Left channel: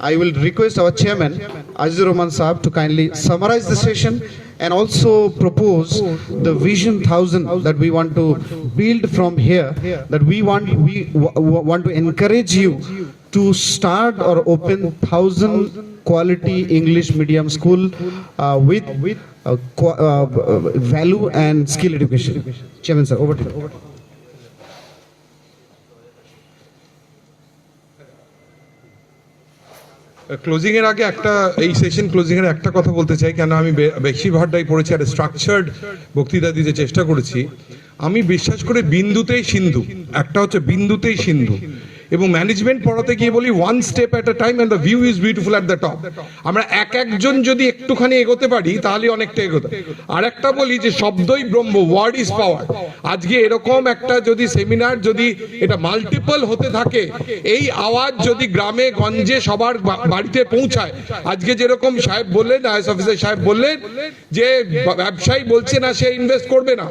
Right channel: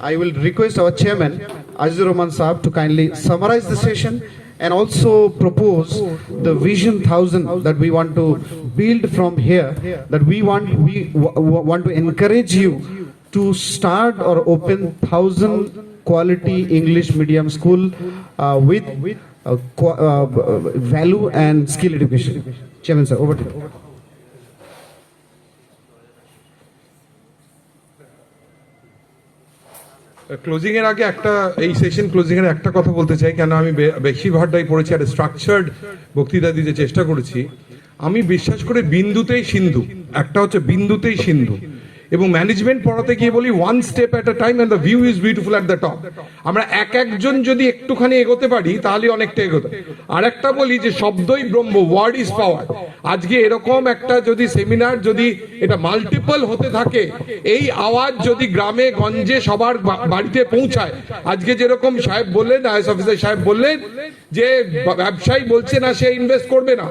I will request our chairman, Azizur Rahman Saab, to kindly summarize the session and also propose the vision 1000 that we want to build from here, that we want to encourage you to start or open 1000 quality English medium school with value and skill education. Chairman sir, over to you. Closing এর আগে একটা এই session closing এর একটা কথা বলতে চাই, কেন আমি বেশিরভাগটাই পড়েছি আর স্ট্রাকচার্ড বক্তৃতা দিতে চেষ্টা করেছি। আমি বিশ্বাস করি বিন্দুতেই সিন্ধু, একটা হচ্ছে বিন্দুতেই সিন্ধু, এবং ম্যানেজমেন্ট পড়াতে গিয়ে বলি one step at a time and the view is beautiful at the top. আমরা একজন যদি একটুখানি এগোতে পারি তাহলে অনেকটা এগোতে। আর একটা বলি যে শব্দই ব্রহ্ম, ওয়ার্ড ইজ পাওয়ার। আজকে এরকম একটা যদি সেমিনার যদি এটা মাল্টিপল হতে থাকে, এই আওয়াজ যদি গ্রামে গঞ্জে সবার বাড়িতে পৌঁছায়, আজকে যেরকম সাহেব বললেন, আইএস অফিসার সাহেব বললেন যে ব্যবসায়ী বলছে না সে ইনভেস্ট করবে না,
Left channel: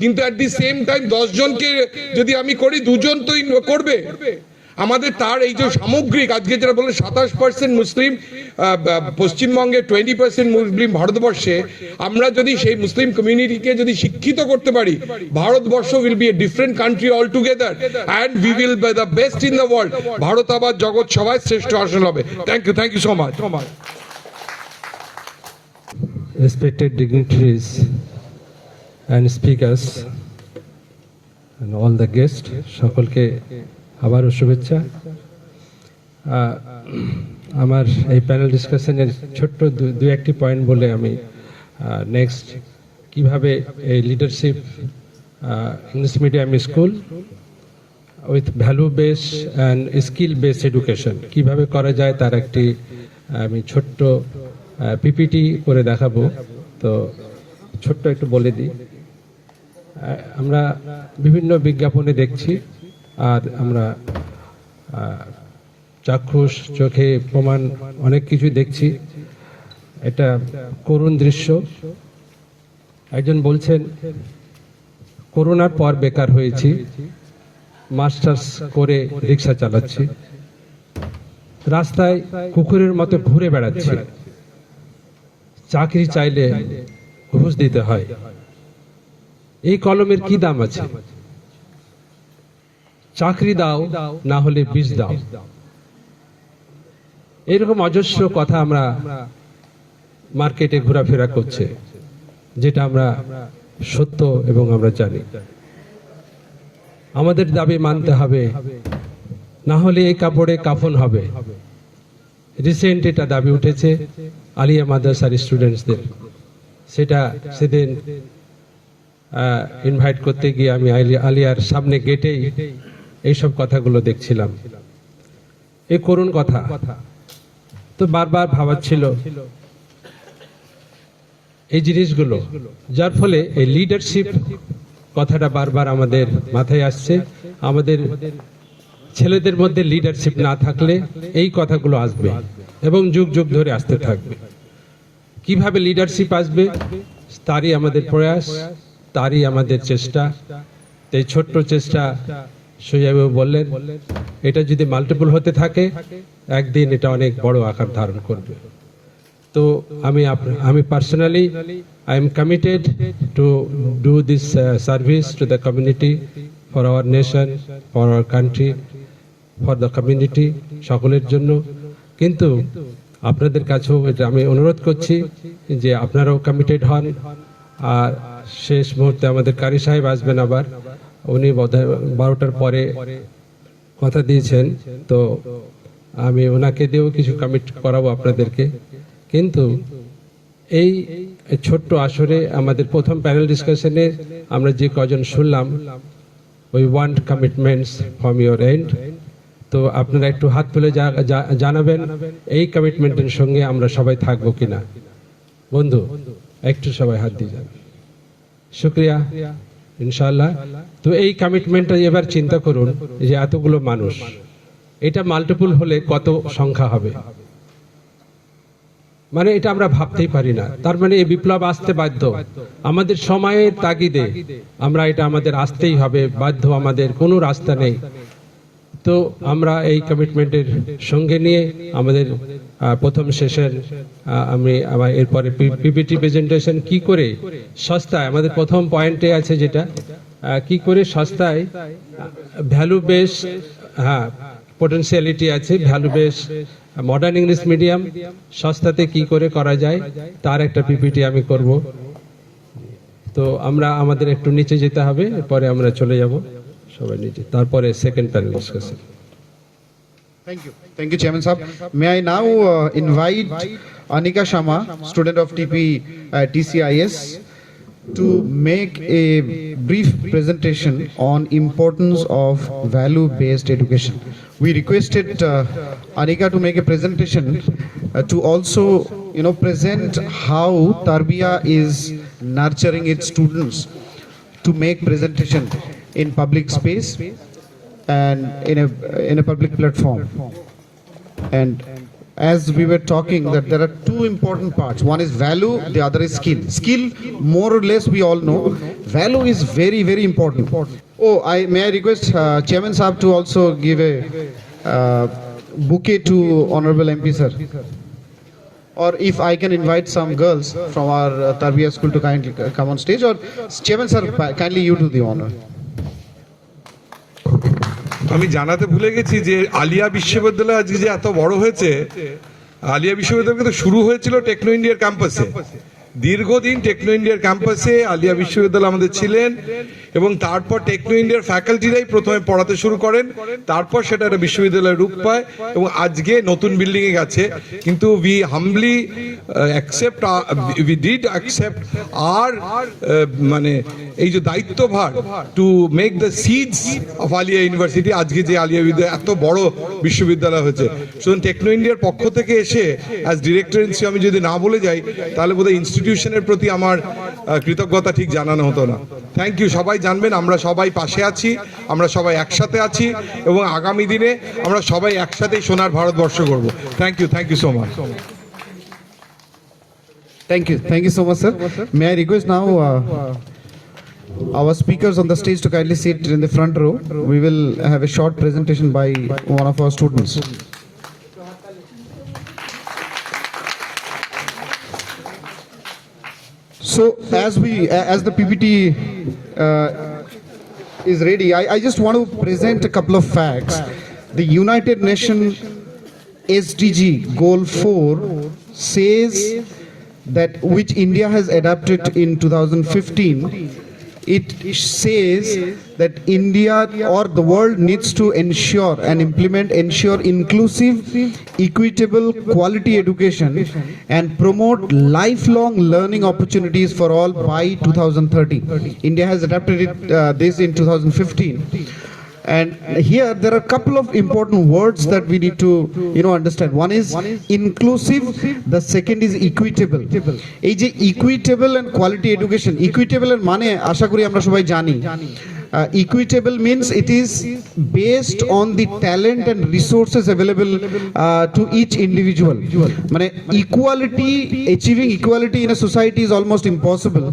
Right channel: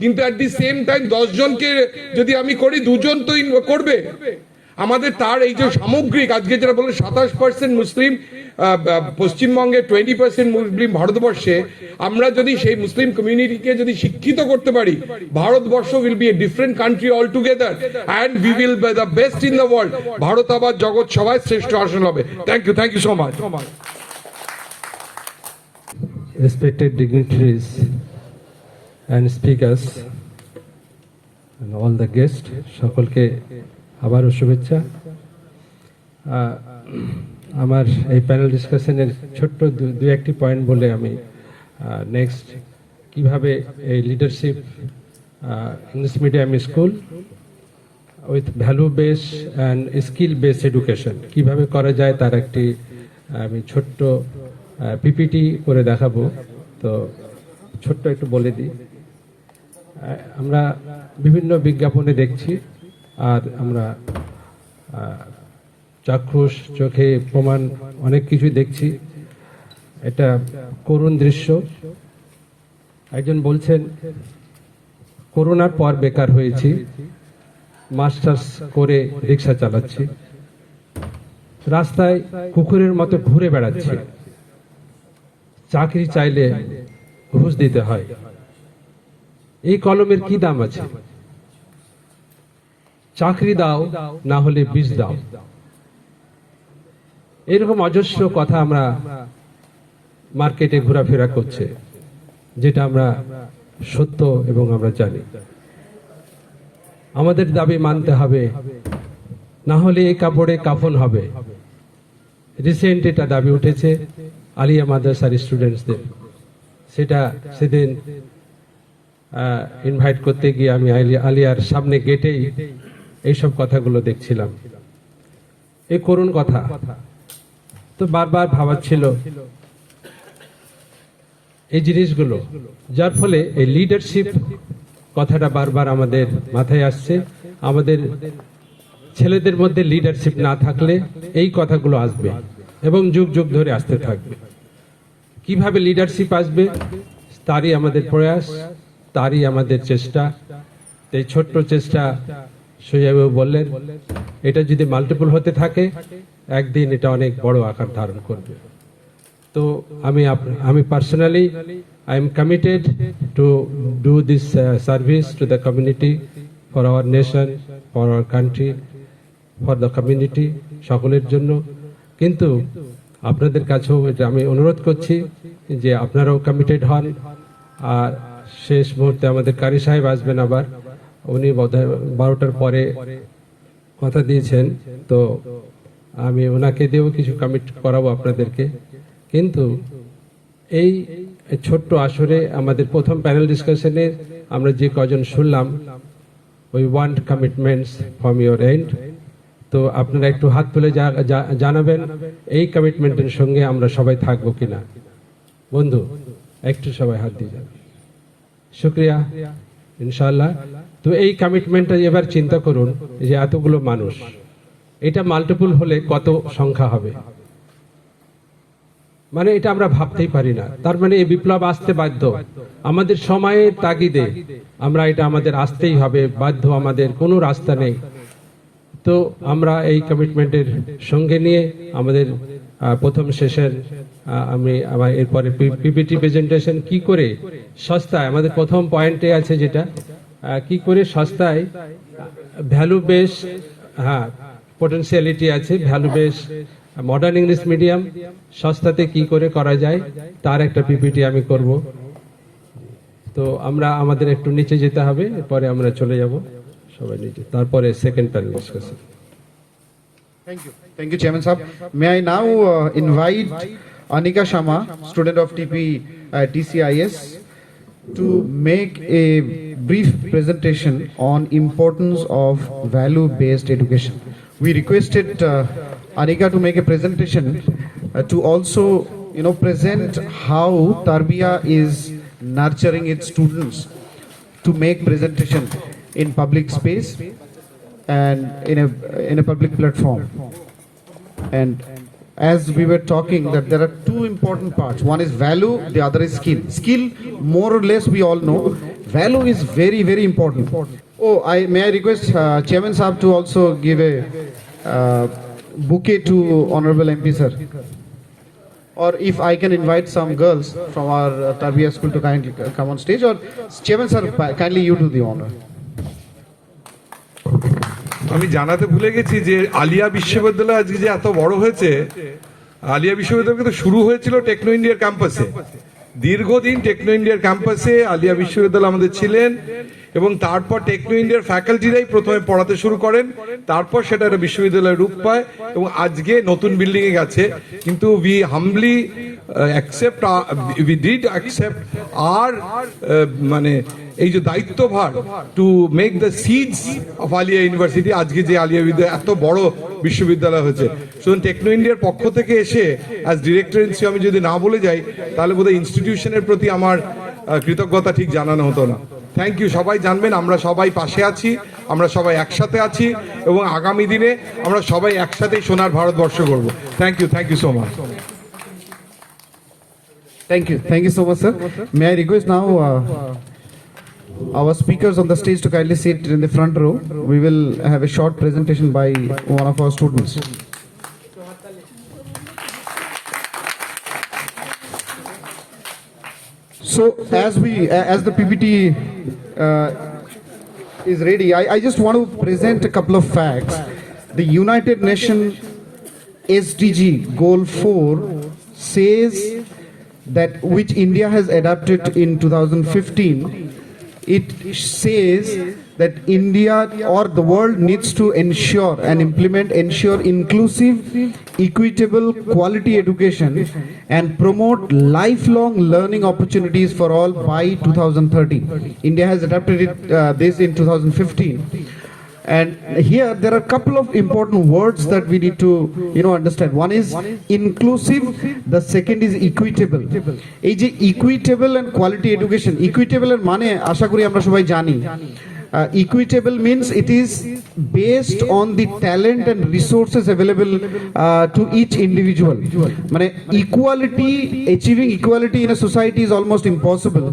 কিন্তু অ্যাট দি সেম টাইম 10 জনকে যদি আমি করি 2 জন তো করবে। আমাদের তার এই যে সামগ্রিক আজকে যেটা বলে 27% মুসলিম পশ্চিমবঙ্গে, 20% মুসলিম ভারতবর্ষে, আমরা যদি সেই মুসলিম কমিউনিটিকে যদি শিক্ষিত করতে পারি, Bharatvarsha will be a different country all together and we will be the best in the world. Bharat আবার জগৎ সবাই শ্রেষ্ঠ আসন হবে। Thank you so much. Respected dignitaries and speakers and all the guests, সকলকে আবারও শুভেচ্ছা। আমার এই প্যানেল ডিসকাশনের ছোট্ট দু একটি পয়েন্ট বলে আমি নেক্সট কিভাবে এই leadership English medium school with value base and skill base education কিভাবে করা যায় তার একটি আমি ছোট্ট পিপিটি করে দেখাবো। তো ছোট্ট একটু বলে দিই, আমরা বিভিন্ন বিজ্ঞাপনে দেখছি আর আমরা চাক্ষুষ চোখে প্রমাণ অনেক কিছু দেখছি। এটা করুণ দৃশ্য। একজন বলছেন করোনার পর বেকার হয়েছি, মাস্টার্স করে রিক্সা চালাচ্ছি, রাস্তায় কুকুরের মতো ঘুরে বেড়াচ্ছি, চাকরি চাইলে ঘুষ দিতে হয়, এই কলমের কি দাম আছে? চাকরি দাও না হলে বীজ দাও। এরকম অজস্র কথা আমরা মার্কেটে ঘোরাফেরা করছে, যেটা আমরা সত্য এবং আমরা জানি। আমাদের দাবি মানতে হবে, না হলে এই কাপড়ে কাফন হবে। রিসেন্ট এটা দাবি উঠেছে আলিয়া মাদ্রাসার স্টুডেন্টসদের, সেটা সেদিন ইনভাইট করতে গিয়ে আমি আলিয়ার সামনে গেটেই এইসব কথাগুলো দেখছিলাম। এই করুণ কথা তো বারবার ভাবাচ্ছিল এই জিনিসগুলো, যার ফলে এই লিডারশিপ কথাটা বারবার আমাদের মাথায় আসছে। আমাদের ছেলেদের মধ্যে লিডারশিপ না থাকলে এই কথাগুলো আসবে এবং যুগ যুগ ধরে আসতে থাকবে। কিভাবে লিডারশিপ আসবে তারই আমাদের প্রয়াস, তারই আমাদের চেষ্টা। এই ছোট্ট চেষ্টা সোজাবাবু বললেন, এটা যদি মাল্টিপল হতে থাকে একদিন এটা অনেক বড় আকার ধারণ করবে। তো আমি personally I am committed to do this service to the community, for our nation, for our country, for the community, সকলের জন্য। কিন্তু আপনাদের কাছেও এটা আমি অনুরোধ করছি যে আপনারাও কমিটেড হন। আর শেষ মুহূর্তে আমাদের কারি সাহেব আসবেন, আবার উনি 12টার পরে কথা দিয়েছেন, তো আমি ওনাকে দিয়েও কিছু কমিট করাবো আপনাদেরকে। কিন্তু এই ছোট্ট আসরে আমাদের প্রথম প্যানেল ডিসকাশনে আমরা যে কজন শুনলাম, we want commitments from your and. তো আপনারা একটু হাত তুলে জানাবেন এই কমিটমেন্টের সঙ্গে আমরা সবাই থাকবো কিনা। বন্ধু একটু সবাই হাত দিয়ে যান, শুক্রিয়া, ইনশাআল্লাহ। তো এই কমিটমেন্টটা এবার চিন্তা করুন যে এতগুলো মানুষ, এটা মাল্টিপল হলে কত সংখ্যা হবে, মানে এটা আমরা ভাবতেই পারি না। তার মানে এই বিপ্লব আসতে বাধ্য, আমাদের সময়ের তাগিদে আমরা এটা আমাদের আসতেই হবে বাধ্য, আমাদের কোনো রাস্তা নেই। তো আমরা এই কমিটমেন্টের সঙ্গে নিয়ে আমাদের প্রথম সেশন আমি আমার এরপরে পিপিটি প্রেজেন্টেশন কি করে সস্তায়, আমাদের প্রথম পয়েন্টে আছে যেটা কি করে সস্তায় ভ্যালু বেস, হ্যাঁ পোটেনশিয়ালিটি আছে, value base modern English medium সস্তাতে কি করে করা যায় তার একটা পিপিটি আমি করব। তো আমরা আমাদের একটু নিচে যেতে হবে, এরপরে আমরা চলে যাব সবাই নিচে, তারপরে second panel discussion. Thank you, Chairman Sahab. May I now invite Anika Shama, student of TCIS, to make a brief presentation on importance of value-based education. We requested Anika to make a presentation to also, present how Tarbiyah is nurturing its students to make presentation in public space and in a public platform. And as we were talking, that there are two important parts. One is value, the other is skill. Skill, more or less, we all know. Value is very, very important. Oh, may I request Chairman Sahab to also give a bouquet to Honorable MP sir. Or if I can invite some girls from our Tarbiyah school to kindly come on stage, or Chairman sir, kindly you do the honor. আমি জানাতে ভুলে গেছি যে আলিয়া বিশ্ববিদ্যালয় আজকে যে এত বড় হয়েছে, আলিয়া বিশ্ববিদ্যালয় কিন্তু শুরু হয়েছিল টেকনো ইন্ডিয়ার ক্যাম্পাসে। দীর্ঘদিন টেকনো ইন্ডিয়ার ক্যাম্পাসে আলিয়া বিশ্ববিদ্যালয় আমাদের ছিলেন, এবং তারপর টেকনো ইন্ডিয়ার ফ্যাকাল্টিরাই প্রথমে পড়াতে শুরু করেন, তারপর সেটা একটা বিশ্ববিদ্যালয়ের রূপ পায় এবং আজকে নতুন বিল্ডিং এ গেছে। কিন্তু উই হাম্বলি অ্যাকসেপ্ট আর মানে এই যে দায়িত্বভার to make the seeds of Aliah university, আজকে যে আলিয়া বিদ্যালয় এত বড় বিশ্ববিদ্যালয় হয়েছে। সুতরাং টেকনো ইন্ডিয়ার পক্ষ থেকে এসে অ্যাজ ডিরেক্টর ইন চিফ আমি যদি না বলে যাই তাহলে বোধহয় ইনস্টিটিউশনের প্রতি আমার কৃতজ্ঞতা ঠিক জানানো হতো না। Thank you. সবাই জানবেন আমরা সবাই পাশে আছি, আমরা সবাই একসাথে আছি, এবং আগামী দিনে আমরা সবাই একসাথেই সোনার ভারতবর্ষ করব। Thank you so much. Thank you so much, sir. May I request now our speakers on the stage to kindly sit in the front row. We will have a short presentation by one of our students. So as the PPT is ready, I just want to present a couple of facts. The United Nations SDG Goal 4 says that, which India has adopted in 2015, it says that India or the world needs to ensure and ensure inclusive, equitable, quality education and promote lifelong learning opportunities for all by 2030. India has adopted this in 2015. And here there are a couple of important words that we need to understand. One is inclusive, the second is equitable. এই যে equitable and quality education, equitable এর মানে আশা করি আমরা সবাই জানি। Equitable means it is based on the talent and resources available to each individual. মানে achieving equality in a society is almost impossible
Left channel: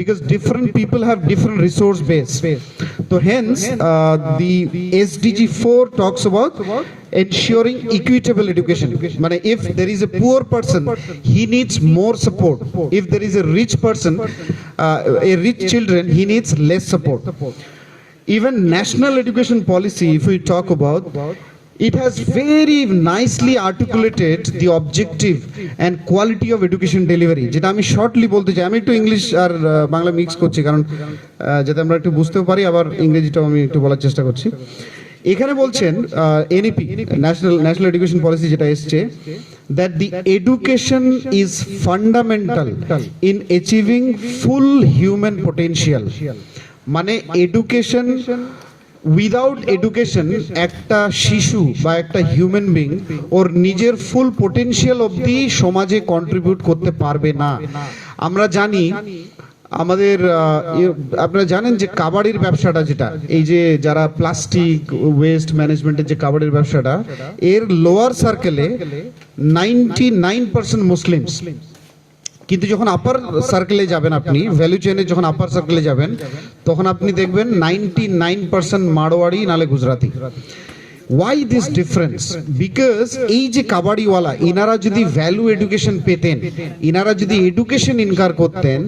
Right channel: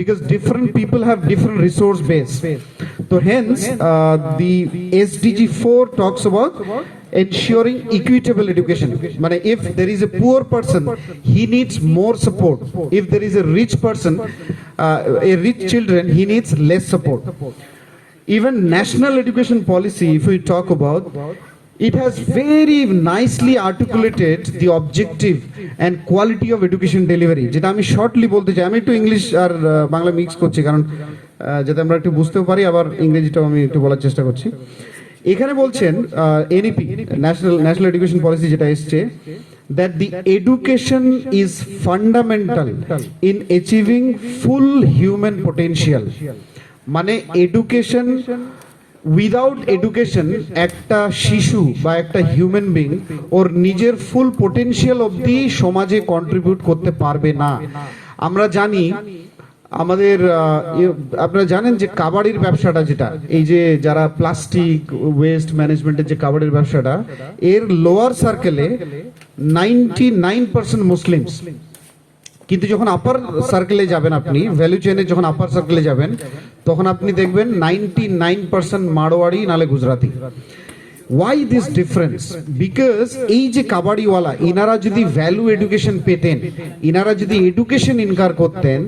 because different people have different resource base. So hence the SDG 4 talks about ensuring equitable education. মানে if there is a poor person, he needs more support. If there is a rich person, a rich children, he needs less support. Even national education policy, if we talk about, it has very nicely articulated the objective and quality of education delivery. যেটা আমি শর্টলি বলতে চাই, আমি একটু ইংলিশ আর বাংলা মিক্স করছি কারণ যাতে আমরা একটু বুঝতেও পারি, আবার ইংরেজিটাও আমি একটু বলার চেষ্টা করছি। এখানে বলছেন এনইপি ন্যাশনাল এডুকেশন পলিসি যেটা এসছে, that the education is fundamental in achieving full human potential. মানে এডুকেশন, উইদাউট এডুকেশন একটা শিশু বা একটা হিউম্যান বিং ওর নিজের ফুল পোটেনশিয়াল অবধি সমাজে কন্ট্রিবিউট করতে পারবে না। আমরা জানি আমাদের আপনারা জানেন যে কাবাডির ব্যবসাটা, যেটা এই যে যারা প্লাস্টিক ওয়েস্ট ম্যানেজমেন্টের যে কাবাডির ব্যবসাটা, এর লোয়ার সার্কেলে 99% মুসলিমস। কিন্তু যখন আপার সার্কেলে যাবেন, আপনি ভ্যালু চেইনে যখন আপার সার্কেলে যাবেন, তখন আপনি দেখবেন 99% মারোয়াড়ি নালে Gujarati. why this difference? Because এই যে কাবাডিওয়ালা ইনারা যদি ভ্যালু এডুকেশন পেতেন, ইনারা যদি এডুকেশন ইনকার করতেন,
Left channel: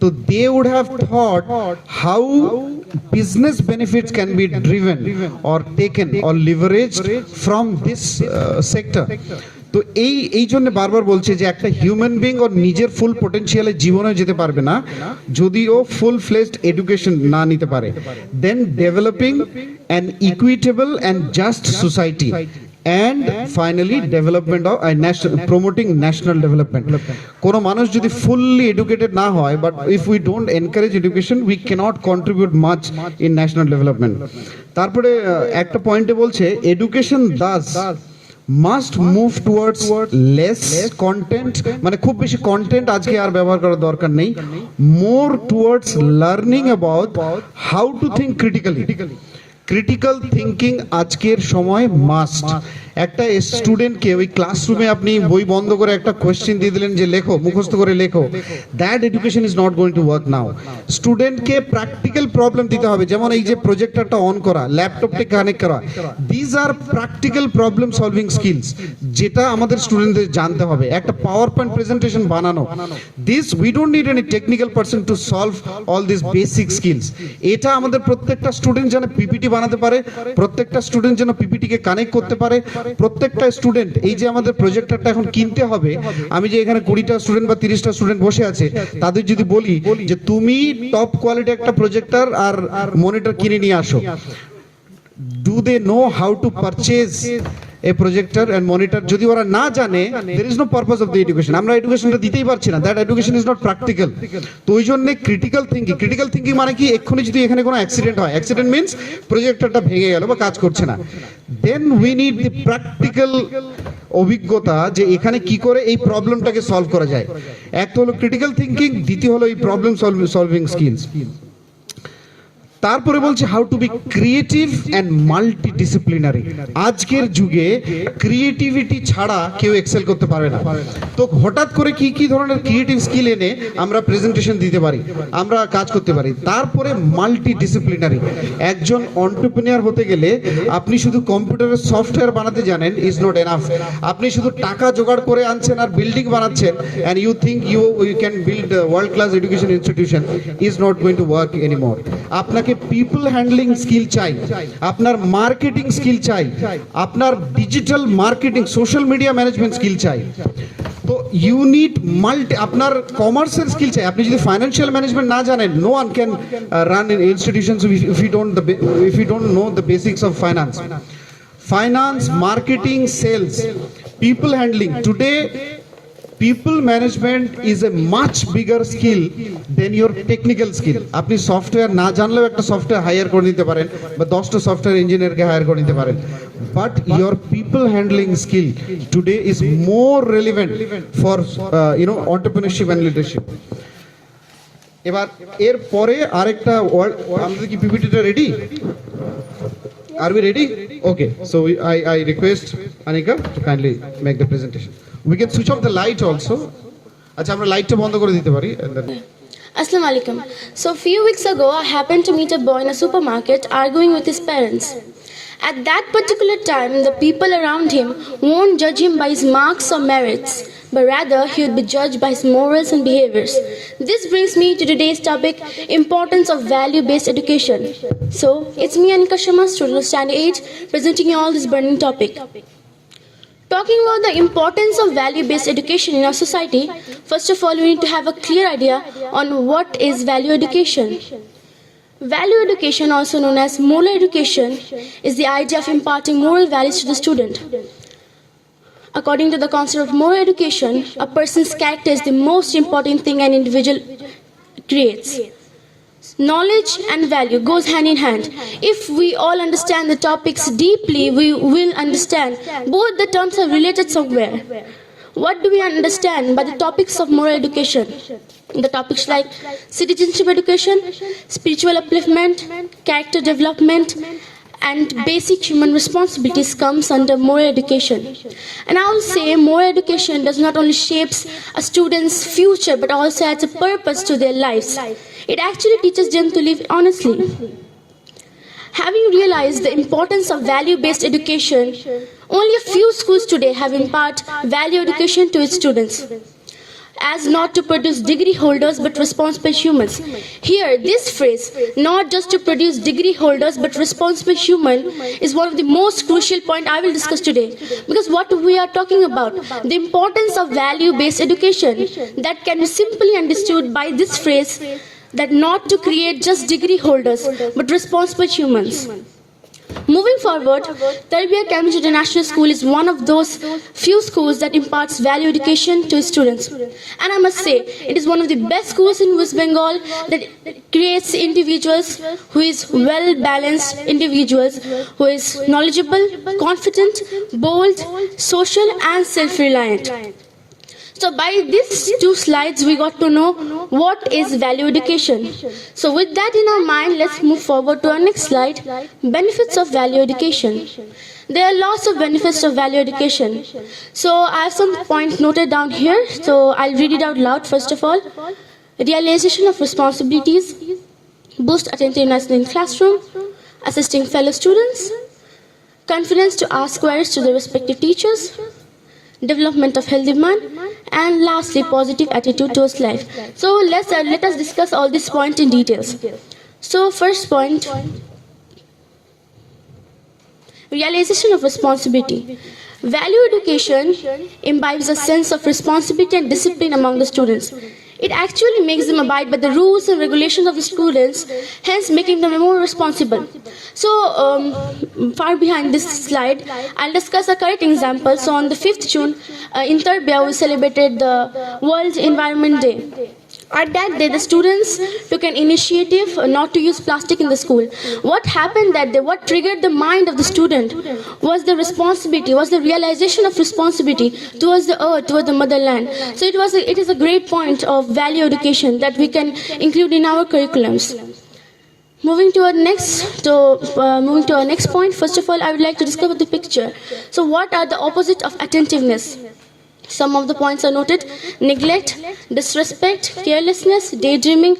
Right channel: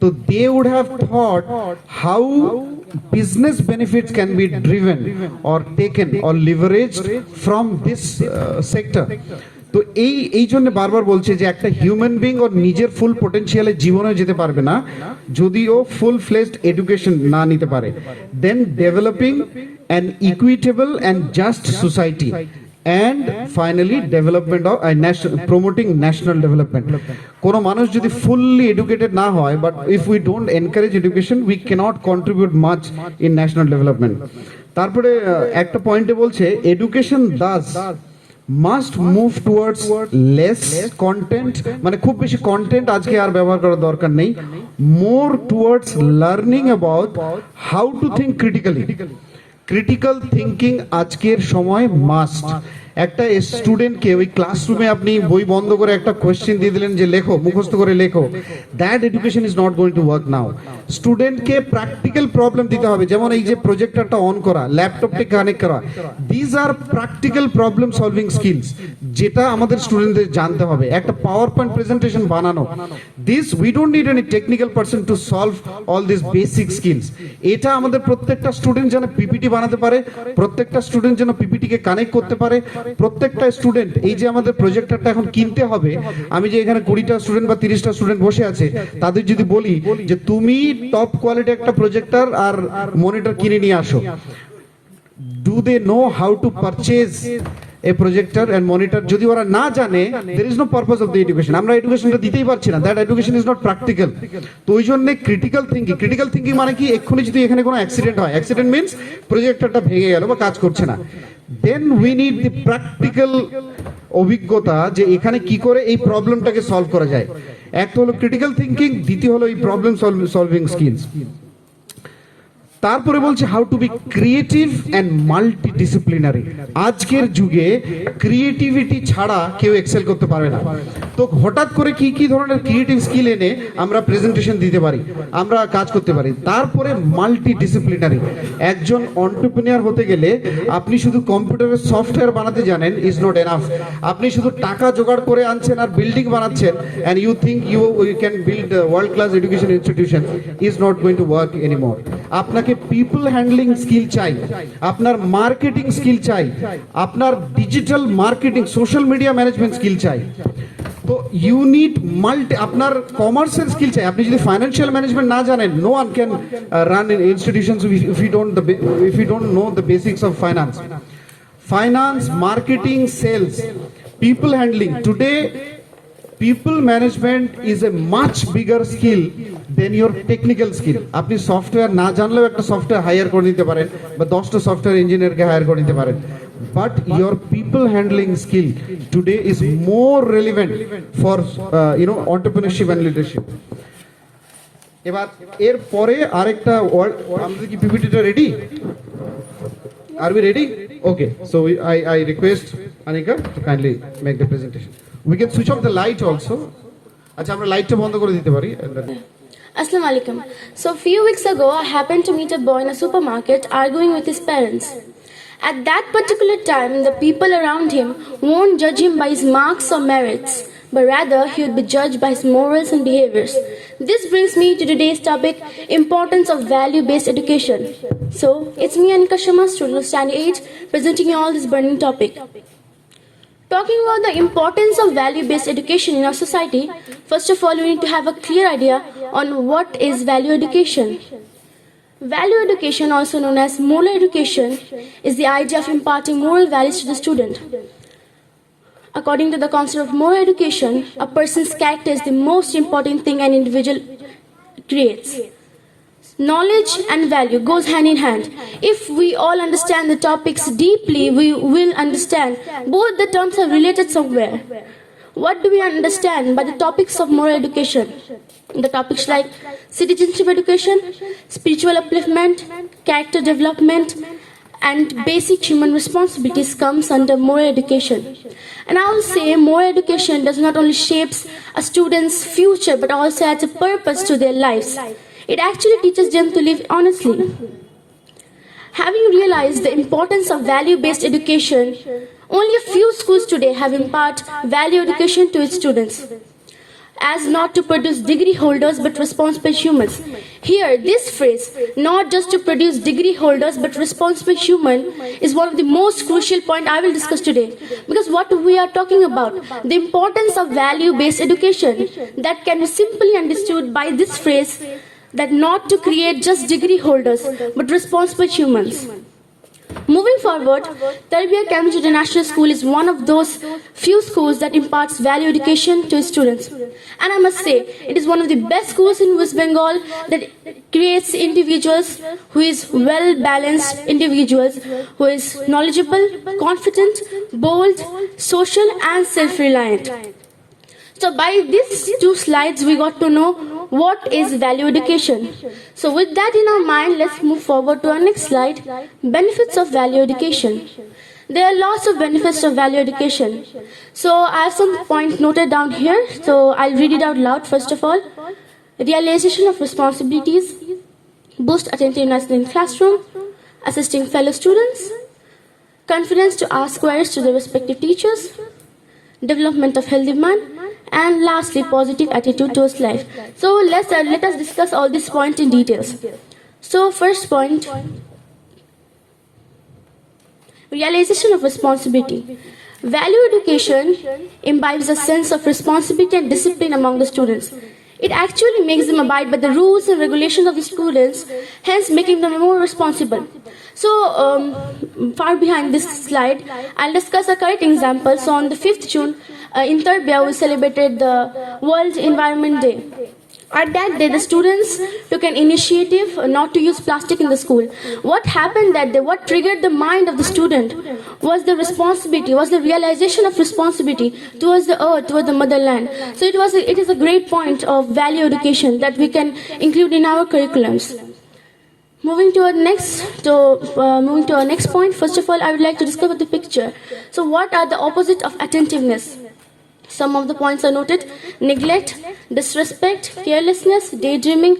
তো they would have thought how business benefits can be driven or taken or leveraged from this sector. তো এই জন্য বারবার বলছে যে একটা হিউম্যান বিং ওর নিজের ফুল পটেনশিয়ালে জীবনে যেতে পারবে না যদি ও ফুল ফ্লেজড এডুকেশন না নিতে পারে। Then developing an equitable and just society and finally development of promoting national development. কোনো মানুষ যদি fully educated না হয়, but if we don't encourage education we cannot contribute much in national development. তারপরে একটা পয়েন্টে বলছে education thus must move towards less content, মানে খুব বেশি কন্টেন্ট আজকে আর ব্যবহার করার দরকার নেই, more towards learning about how to think critically. Critical thinking আজকের সময় মাস্ট। একটা স্টুডেন্টকে ওই ক্লাসরুমে আপনি বই বন্ধ করে একটা কোয়েশ্চেন দিয়ে দিলেন যে লেখো, মুখস্থ করে লেখো, that education is not going to work নাও। স্টুডেন্টকে প্র্যাকটিক্যাল প্রবলেম দিতে হবে, যেমন এই যে প্রজেক্টরটা অন করা, ল্যাপটপটা কানেক্ট করা, these are practical problem solving skills, যেটা আমাদের স্টুডেন্টদের জানতে হবে। একটা পাওয়ার পয়েন্ট প্রেজেন্টেশন বানানো, this we don't need any technical person to solve all this basic skills. এটা আমাদের প্রত্যেকটা স্টুডেন্ট যেন পিপিটি বানাতে পারে, প্রত্যেকটা স্টুডেন্ট যেন পিপিটিকে কানেক্ট করতে পারে, প্রত্যেকটা স্টুডেন্ট এই যে আমাদের প্রজেক্টরটা এখন কিনতে হবে, আমি যে এখানে 20টা স্টুডেন্ট বা 30টা স্টুডেন্ট বসে আছে তাদের যদি বলি যে তুমি টপ কোয়ালিটি একটা প্রজেক্টর আর মনিটর কিনে নিয়ে আসো, do they know how to purchase a projector and monitor? যদি ওরা না জানে, there is no purpose of the education. আমরা এডুকেশনটা দিতেই পারছি না, that education is not practical. তো ওই জন্য ক্রিটিক্যাল থিঙ্কিং মানে কি, এক্ষুনি যদি এখানে কোনো অ্যাক্সিডেন্ট হয়, অ্যাক্সিডেন্ট মিনস প্রজেক্টরটা ভেঙে গেল বা কাজ করছে না, then we need the practical অভিজ্ঞতা যে এখানে কি করে এই প্রবলেমটাকে সলভ করা যায়। একটা হলো ক্রিটিক্যাল থিঙ্কিং, দ্বিতীয় হলো এই প্রবলেম সলভিং স্কিলস। তারপরে বলছে how to be creative and multidisciplinary. আজকের যুগে ক্রিয়েটিভিটি ছাড়া কেউ এক্সেল করতে পারবে না। তো হঠাৎ করে কি কি ধরনের ক্রিয়েটিভ স্কিল এনে আমরা প্রেজেন্টেশন দিতে পারি, আমরা কাজ করতে পারি। তারপরে মাল্টিডিসিপ্লিনারি, একজন এন্টারপ্রেনিউর হতে গেলে আপনি শুধু কম্পিউটারের সফটওয়্যার বানাতে জানেন ইজ নট এনাফ। আপনি শুধু টাকা জোগাড় করে আনছেন আর বিল্ডিং বানাচ্ছেন and you think you can build world class education institution is not going to work anymore. আপনাকে পিপল হ্যান্ডলিং স্কিল চাই, আপনার মার্কেটিং স্কিল চাই, আপনার digital marketing social media management skill চাই। তো ইউ নিড আপনার কমার্সের স্কিল চাই। আপনি যদি ফাইন্যান্সিয়াল ম্যানেজমেন্ট না জানেন, no one can run in institutions if you don't know the basics of finance, marketing, sales, people handling. Today people management is a much bigger skill than your technical skill. আপনি সফটওয়্যার না জানলেও একটা software higher করে নিতে পারেন বা 10টা সফটওয়্যার ইঞ্জিনিয়ারকে হায়ার করে নিতে পারেন, but your people handling skill today is more relevant for entrepreneurship and leadership. এবার এর পরে আরেকটা আমাদের কি পিপিটিটা ready? Are we ready? Okay, so I request Anika to kindly make the presentation. We can switch off the light also. আচ্ছা, আমরা লাইটটা বন্ধ করে দিতে পারি। Assalamu alaikum. So a few weeks ago, I happened to meet a boy in a supermarket arguing with his parents. At that particular time, the people around him won't judge him by his marks or merits, but rather he would be judged by his morals and behaviors. This brings me to today's topic, importance of value-based education. So, it's me, Anika Shama, student of Standard 8, presenting you all this burning topic. Talking about the importance of value-based education in our society, first of all, we need to have a clear idea on what is value education. Value education, also known as moral education, is the idea of imparting moral values to the student. According to the concept of moral education, a person's character is the most important thing an individual creates. Knowledge and value goes hand in hand. If we all understand the topics deeply, we will understand both the terms are related somewhere. What do we understand by the topics of moral education? The topics like citizenship education, spiritual upliftment, character development, and basic human responsibilities comes under moral education. And I will say moral education does not only shapes a student's future but also adds a purpose to their lives. It actually teaches them to live honestly. Having realized the importance of value-based education, only a few schools today have impart value education to its students, as not to produce degree holders but responsible humans. Here, this phrase, not just to produce degree holders but responsible human, is one of the most crucial point I will discuss today. Because what we are talking about, the importance of value-based education, that can be simply understood by this phrase, that not to create just degree holders but responsible humans. Moving forward, Tarbiyah Cambridge International School is one of those few schools that imparts value education to its students. And I must say, it is one of the best schools in West Bengal that creates individuals who is well-balanced individuals, who is knowledgeable, confident, bold, social and self-reliant. So by these two slides, we got to know what is value education. So with that in our mind, let's move forward to our next slide, benefits of value education. There are lots of benefits of value education. So I have some points noted down here. So I'll read it out loud first of all. Realization of responsibilities, boost attentiveness in classroom, assisting fellow students, confidence to ask queries to the respective teachers, development of healthy mind, and lastly, positive attitude towards life. So let us discuss all these points in details. So first point, realization of responsibility. Value education imbibes a sense of responsibility and discipline among the students. It actually makes them abide by the rules and regulations of the students, hence making them more responsible. So, far behind this slide, I'll discuss a correct example. So, on the 5th June, in Tarbiyah, we celebrated the World Environment Day. At that day, the students took an initiative not to use plastic in the school. What happened that day, what triggered the mind of the student was the responsibility, was the realization of responsibility towards the earth, towards the motherland. So it is a great point of value education that we can include in our curriculums. Moving to our next point, first of all, I would like to discover the picture. So what are the opposite of attentiveness? Some of the points are noted: neglect, disrespect, carelessness, daydreaming,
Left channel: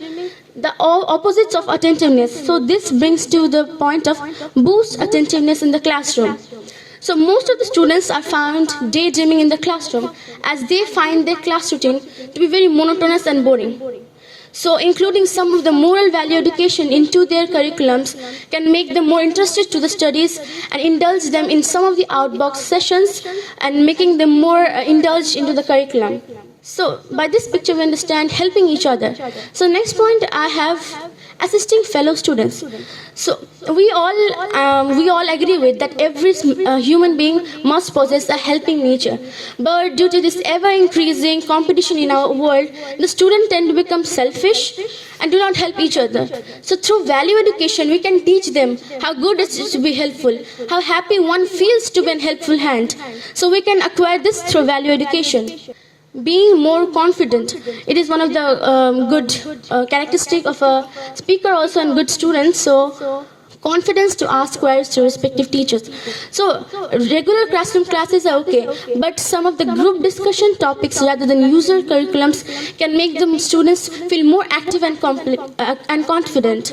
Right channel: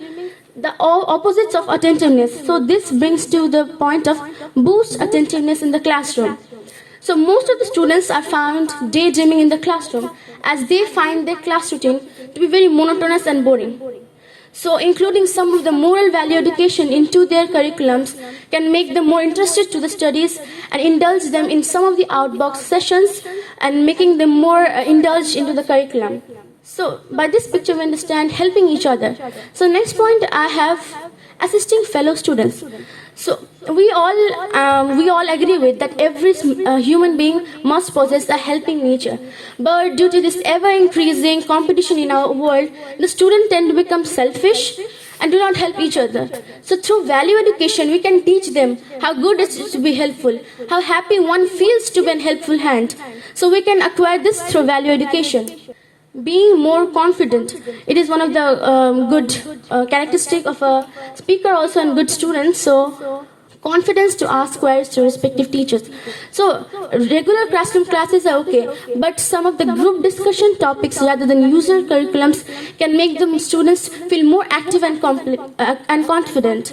the opposites of attentiveness. So this brings to the point of boost attentiveness in the classroom. So most of the students are found daydreaming in the classroom as they find their class routine to be very monotonous and boring. So including some of the moral value education into their curriculums can make them more interested to the studies and indulge them in some of the outbox sessions and making them more indulged into the curriculum. So by this picture we understand helping each other. So next point I have assisting fellow students. So we all agree with that every human being must possess a helping nature. But due to this ever-increasing competition in our world, the students tend to become selfish and do not help each other. So through value education, we can teach them how good it is to be helpful, how happy one feels to be a helpful hand. So we can acquire this through value education. Being more confident, it is one of the good characteristic of a speaker also and good students. So confidence to ask queries to respective teachers. So regular classroom classes are okay, but some of the group discussion topics rather than user curriculums can make the students feel more active and confident.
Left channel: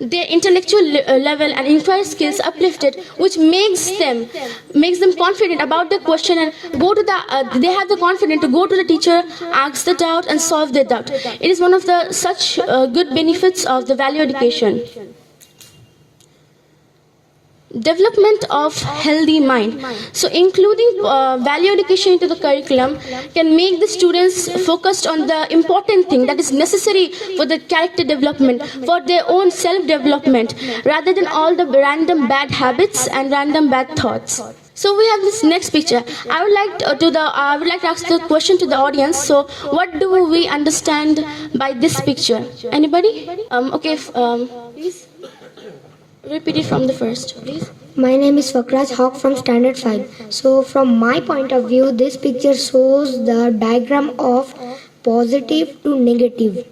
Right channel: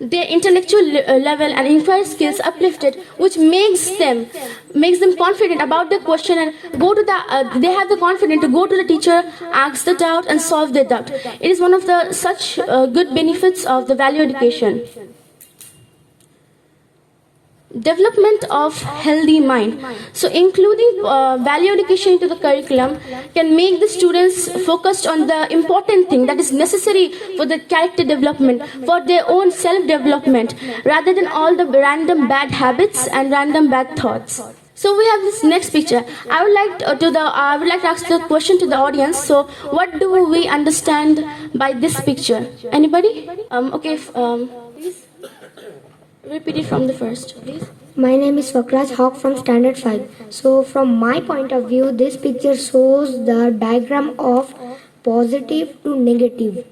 Their intellectual level and inquiry skills uplifted, which makes them confident about the question and go to the they have the confidence to go to the teacher, ask the doubt and solve the doubt. It is one of the such good benefits of the value education. Development of healthy mind. So including value education into the curriculum can make the students focused on the important thing that is necessary for the character development, for their own self-development, rather than all the random bad habits and random bad thoughts. So we have this next picture. I would like to ask the question to the audience. So what do we understand by this picture? Anybody? Please. Repeat it from the first, please. My name is Fakraj Hawk from Standard 5. So from my point of view, this picture shows the diagram of positive to negative.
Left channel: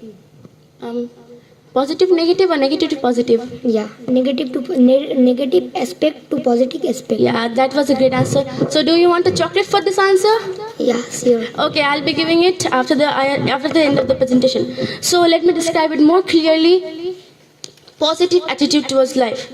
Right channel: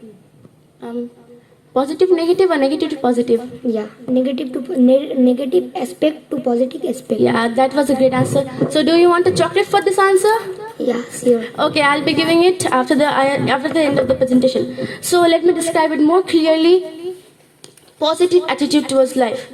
Positive, negative or negative to positive? Yeah, negative aspect to positive aspect. Yeah, that was a great answer. So do you want a chocolate for this answer? Yeah, sure. Okay, I'll be giving it after the end of the presentation. So let me describe it more clearly. Positive attitude towards life.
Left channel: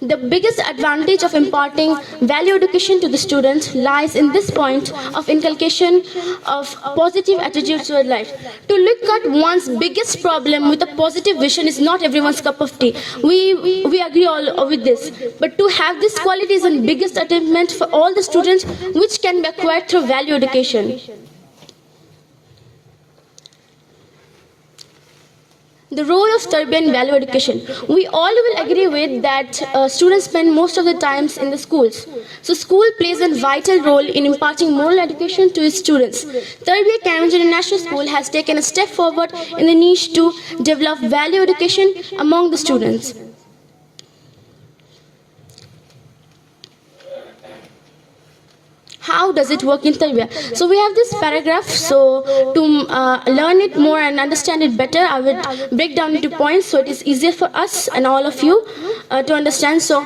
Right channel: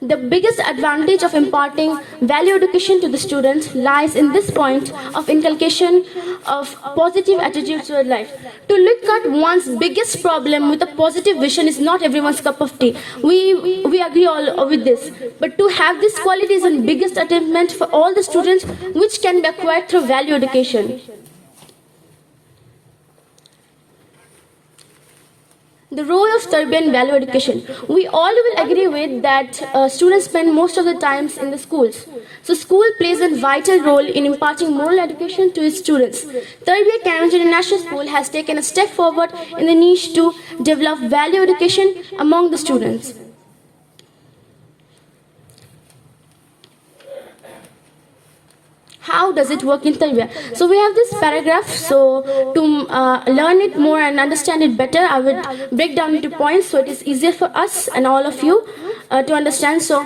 The biggest advantage of imparting value education to the students lies in this point of inculcation of positive attitudes toward life. To look at one's biggest problem with a positive vision is not everyone's cup of tea. We agree all with this. But to have this quality is the biggest attainment for all the students, which can be acquired through value education. The role of Tarbiyah in value education. We all will agree with that students spend most of the times in the schools. So school plays a vital role in imparting moral education to its students. Tarbiyah Cambridge International School has taken a step forward in the niche to develop value education among the students. How does it work in Tarbiyah? So we have this paragraph. So to learn it more and understand it better, I would break down into points so it is easier for us and all of you to understand. So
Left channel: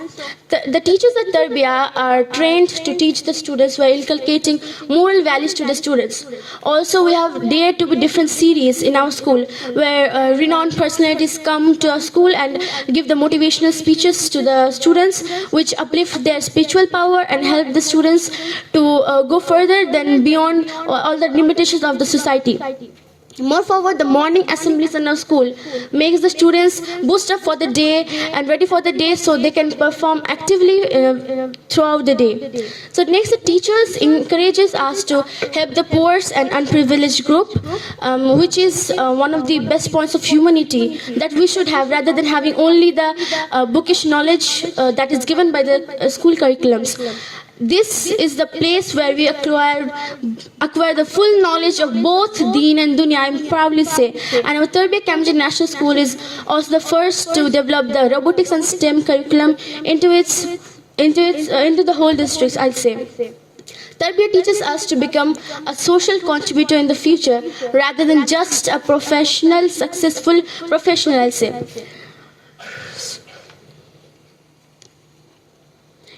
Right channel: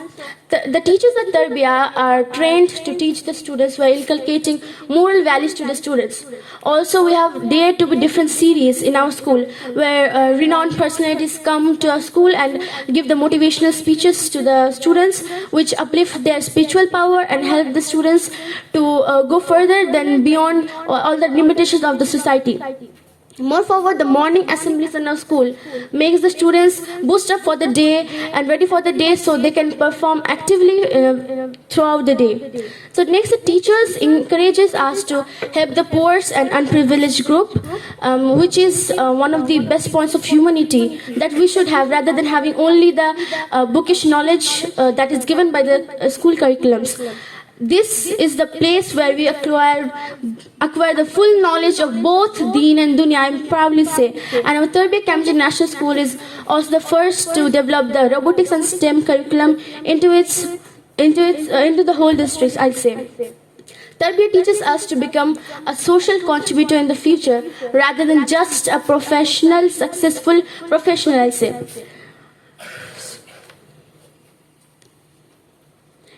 the teachers at Tarbiyah are trained to teach the students while inculcating moral values to the students. Also, we have Dare to Be Different series in our school, where renowned personalities come to our school and give the motivational speeches to the students, which uplift their spiritual power and help the students to go further than beyond all the limitations of the society. Moreover, the morning assemblies in our school makes the students boost up for the day and ready for the day so they can perform actively throughout the day. So next, the teachers encourages us to help the poor and unprivileged group, which is one of the best points of humanity that we should have, rather than having only the bookish knowledge that is given by the school curriculums. This is the place where we acquire the full knowledge of both Deen and Dunya, I proudly say. And our Tarbiyah Cambridge National School is also the first to develop the robotics and STEM curriculum into the whole district, I'd say. Tarbiyah teaches us to become a social contributor in the future rather than just a professional, successful professional, I'd say.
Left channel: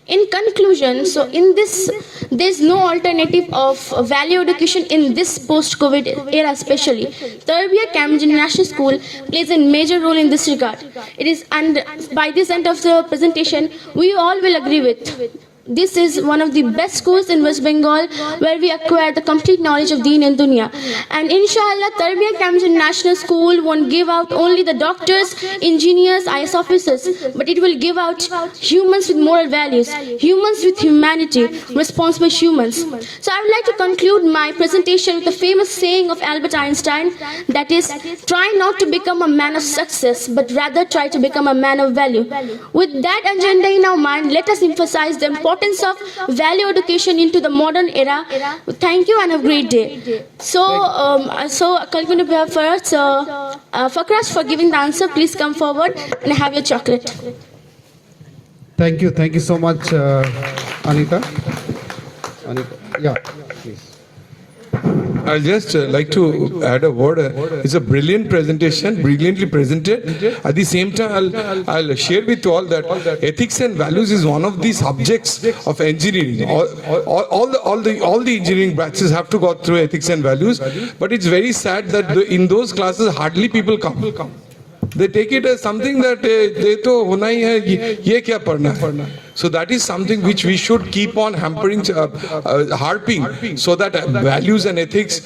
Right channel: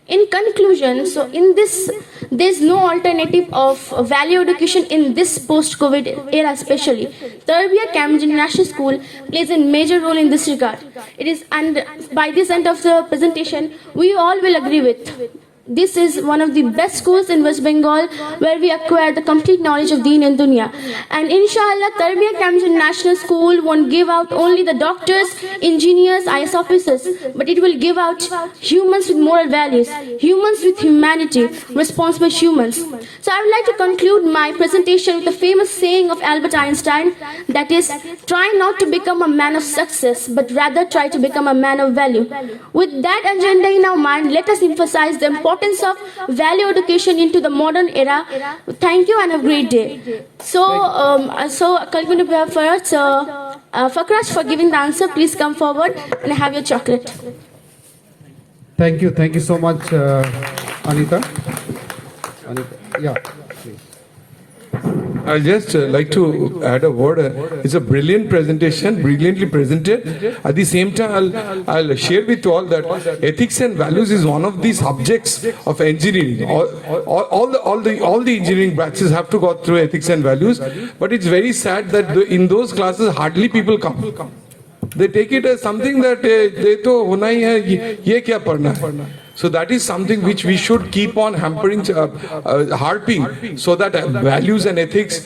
In conclusion, so in this, there's no alternative of value education in this post-COVID era especially. Tarbiyah Cambridge International School plays a major role in this regard. It is, and by this end of the presentation, we all will agree with. This is one of the best schools in West Bengal where we acquire the complete knowledge of Deen and Dunya. And inshallah, Tarbiyah Cambridge National School won't give out only the doctors, engineers, IS officers, but it will give out humans with moral values, humans with humanity, responsible humans. So I would like to conclude my presentation with the famous saying of Albert Einstein, that is, try not to become a man of success, but rather try to become a man of value. With that agenda in our mind, let us emphasize the importance of value education into the modern era. Thank you and have a great day. So Kalkun first, Fakraj for giving the answer. Please come forward and have your chocolate. Thank you so much, Anika. Yeah, please. I'll just like to add a word. It's a brilliant presentation, brilliantly presented. At the same time, I'll share with you all that ethics and values is one of the subjects of engineering. All the engineering branches have to go through ethics and values. But it's very sad that in those classes hardly people come. They take it as something that they to hona hi hai, ye kya padhna hai. So that is something which we should keep on hampering, harping, so that values and ethics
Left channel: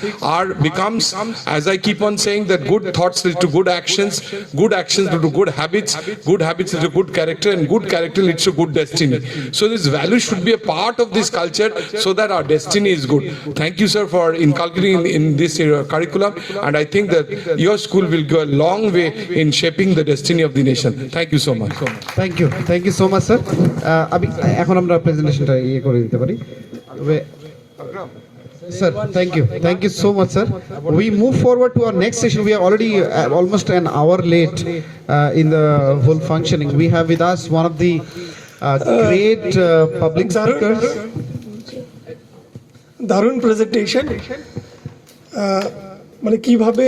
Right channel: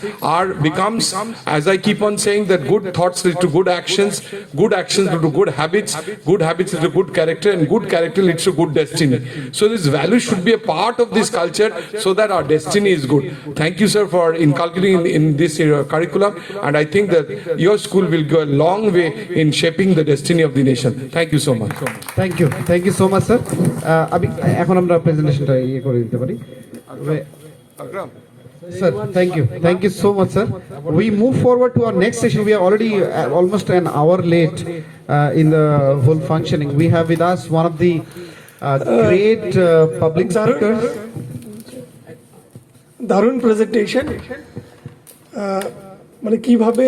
becomes, as I keep on saying, that good thoughts lead to good actions lead to good habits lead to good character, and good character leads to good destiny. So this value should be a part of this culture so that our destiny is good. Thank you, sir, for inculcating in this curriculum, and I think that your school will go a long way in shaping the destiny of the nation. Thank you so much. Thank you so much, sir. এখন আমরা প্রেজেন্টেশনটা করে দিতে পারি sir. Thank you so much, sir. We move forward to our next session. We are already almost an hour late in the whole functioning. We have with us one of the great public speakers. দারুণ প্রেজেন্টেশন। মানে কিভাবে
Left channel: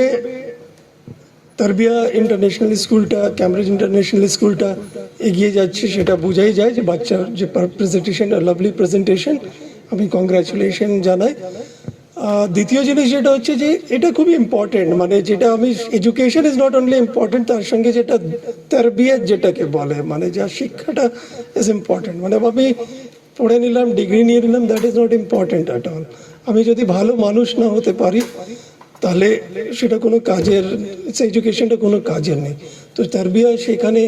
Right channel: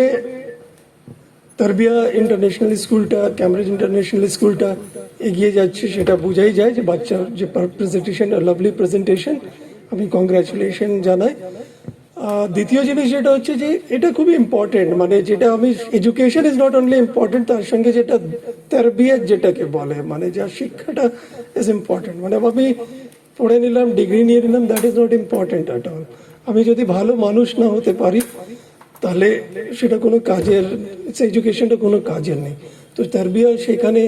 তারবিয়া ইন্টারন্যাশনাল স্কুলটা, Cambridge international স্কুলটা এগিয়ে যাচ্ছে সেটা বোঝাই যায় যে বাচ্চার যে প্রেজেন্টেশন, লাভলি প্রেজেন্টেশন, আমি কংগ্রাচুলেশন জানাই। দ্বিতীয় জিনিস যেটা হচ্ছে যে এটা খুবই ইম্পর্টেন্ট, মানে যেটা আমি education is not only important, তার সঙ্গে যেটা তারবিয়ত যেটাকে বলে, মানে যা শিক্ষাটা ইজ ইম্পর্টেন্ট। মানে আমি পড়ে নিলাম, ডিগ্রি নিয়ে নিলাম, that is not important at all. আমি যদি ভালো মানুষ না হতে পারি তাহলে সেটা কোনো কাজের, এডুকেশনটা কোনো কাজের নেই। তো তারবিয়া সেখানে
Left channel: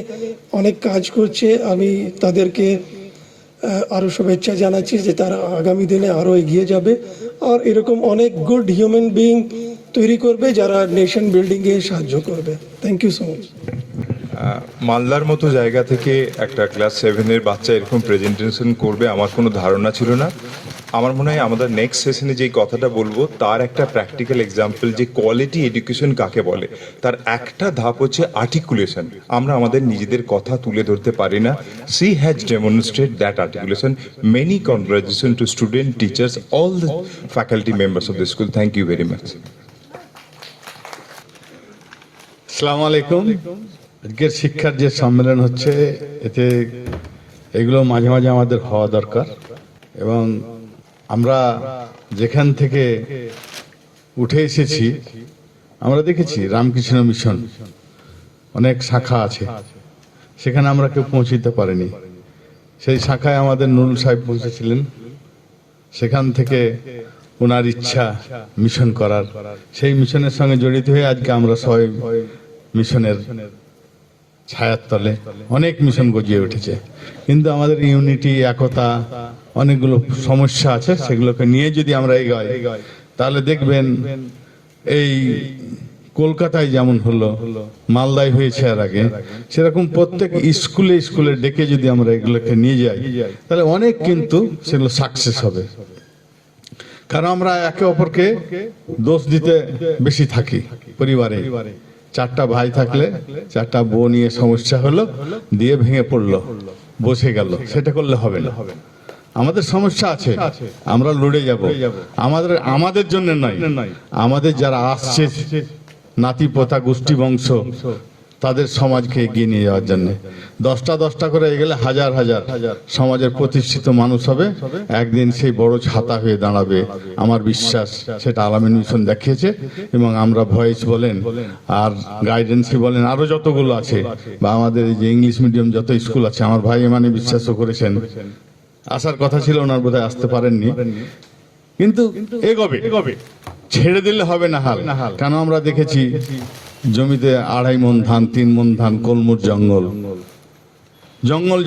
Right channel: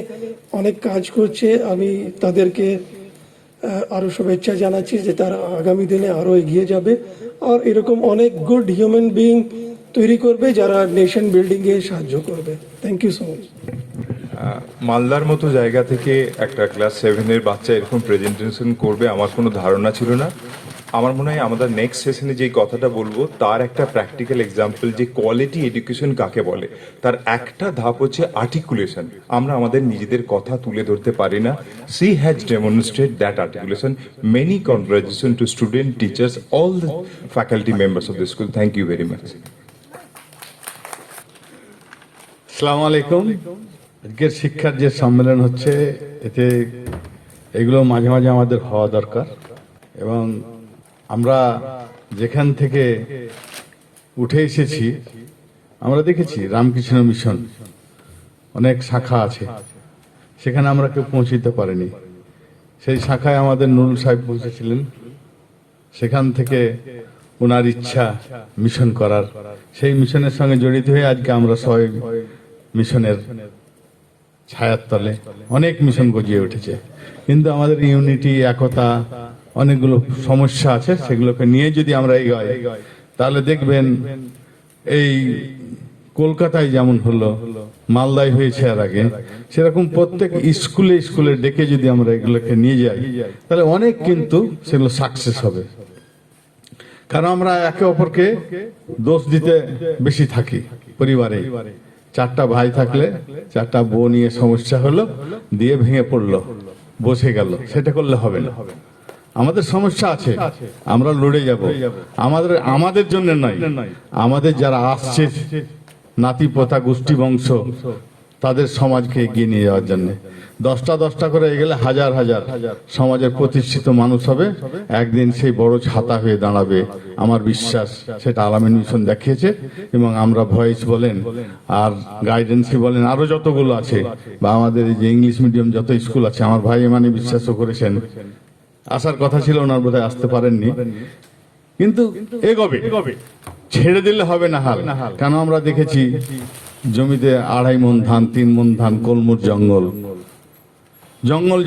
অনেক কাজ করছে, আমি তাদেরকে আরও শুভেচ্ছা জানাচ্ছি যে তারা আগামী দিনে আরও এগিয়ে যাবে আর এরকম অনেক গুড হিউম্যান বিইং তৈরি করবে যারা নেশন বিল্ডিংয়ে সাহায্য করবে। Thank you so much. মালদার মতো জায়গা থেকে একটা ক্লাস 7-এর বাচ্চা এরকম প্রেজেন্টেশন করবে আমার কোনো ধারণা ছিল না। আমার মনে হয় আমাদের নেক্সট সেশনে যেই কথাটা বলবো তার একটা প্র্যাকটিক্যাল এক্সাম্পল, যে কোয়ালিটি এডুকেশন কাকে বলে তার একটা ধাপ হচ্ছে আর্টিকুলেশন। আমরা আমাদের নিজেদের কথা তুলে ধরতে পারি না। She has demonstrate that articulation. Many congratulation to student, teachers, all the faculty members of the school. Thank you very much. আসসালামু আলাইকুম। আজকের শিক্ষার যে সম্মেলন হচ্ছে, এতে এগুলো মাঝে মাঝে আমাদের হওয়া দরকার। এবং আমরা যেখান থেকে উঠে এসেছি আমরা দেখেছি রামকৃষ্ণ মিশন অনেক শাখা আছে, সেখানে আমরা কেউ পৌঁছিতে পারিনি। সেই শাখায় আমাদের নুরুল সাহেব পৌঁছেছিলেন, সেখান থেকে ওনার ইচ্ছা মিশন করার, সেই মিশনের সঙ্গে জড়িত হয়ে আজকে আমরা সবাই মিশনের ছায়ার তলে অনেক মিশন গজিয়ে উঠেছে। কিন্তু আমাদের ইউনিটি, একতা, অনেকগুলো সমস্যা আছে, সেগুলোকে নিয়ে যদি আমরা এগোই তাহলে দেখবেন এই কলকাতায় যেমন হলো, মালদায় হয়েছে এর আগে, সেরকম প্রত্যেক স্কুলে স্কুলে ডেকে যদি আমরা এগুলোকে নিয়ে যাই তাহলে অনেক কিন্তু সেগুলো সাকসেস হবে। কারণ আমরা একে অপরকে দোষ দিতে বেশি থাকি। পরিবারে 4টা ভাই থাকলে 4টা বউ নিয়ে সমস্যা হলো, দিয়ে ভেঙে পড়লো, বসে গেল, সেটা করলে হবে না। আমাদের সমস্যা আছে, আমরা লড়ে যাব। আমাদের জন্য নয়, আমাদের যারা আসছে নাতি পোতা গোষ্ঠী বংশ, তাদের সমাজকে এগিয়ে নিয়ে যাওয়ার জন্য। 10টা করে এগেলে হাজার হাজার সমাজের প্রতিষ্ঠিত মানুষ হবে, একদিন সেই বড় ছাতা হয়ে দাঁড়াবে। আমার বিশ্বাস সেটা আলামিন মিশন দেখিয়েছে। এবং আমরা ভয়েস বলেন আর গাইডেন্সই বলেন, আরো যতগুলো আছে, বা আমাদের এই যে ইংলিশ মিডিয়াম যত স্কুল আছে, আমার ভাই মানে বিশ্বাসও করেছেন। আসার কথা ছিল, ওনার বোধহয় আসতে পারেননি, কিন্তু এগোবে, ছেড়ে দিলে হবে না হাল। কেন আমরা দেখেছি জমিতে 2.5 মণ ধান, 3 মণ ধান, কলমুর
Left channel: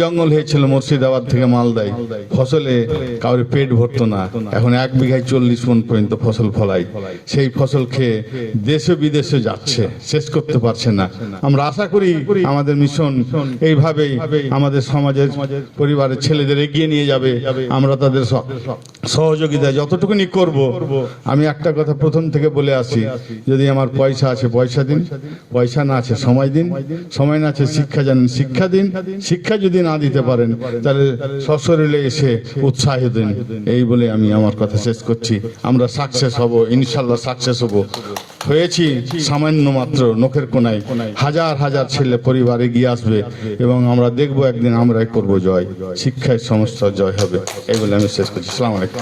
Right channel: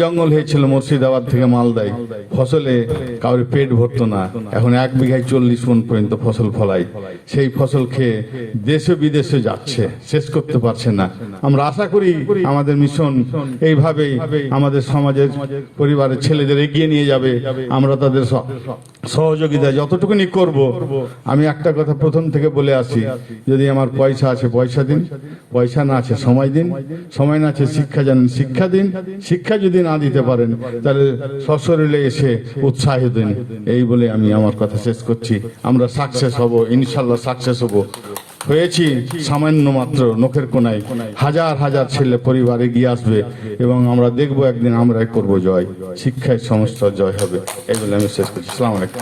জঙ্গল হয়েছিল মুর্শিদাবাদ থেকে মালদায়। ফসলে কাউরে পেট ভরতো না, এখন 1 বিঘায় 40 মণ পর্যন্ত ফসল ফলায়। সেই ফসল খেয়ে দেশে বিদেশে যাচ্ছে, শেষ করতে পারছে না। আমরা আশা করি আমাদের মিশন এইভাবেই আমাদের সমাজের পরিবারের ছেলেদের এগিয়ে নিয়ে যাবে। আমরা তাদের সহযোগিতা যতটুকুনি করব। আমি একটা কথা প্রথম থেকে বলে আসি, যদি আমার পয়সা আছে পয়সা দিন, পয়সা না আছে সময় দিন, সময় না আছে শিক্ষা জানেন শিক্ষা দিন, শিক্ষা যদি না দিতে পারেন তাহলে সশরীরে এসে উৎসাহ দিন। এই বলে আমি আমার কথা শেষ করছি। আমরা সাকসেস হব, ইনশাল্লাহ সাকসেস হব। হয়েছি সামান্য মাত্র নখের কোনায়, হাজার হাজার ছেলে পরিবার এগিয়ে আসবে এবং আমরা দেখবো একদিন আমরাই করবো জয়। শিক্ষায় সমস্ত জয় হবে। এই বলে আমি শেষ করছি। আসসালামু আলাইকুম।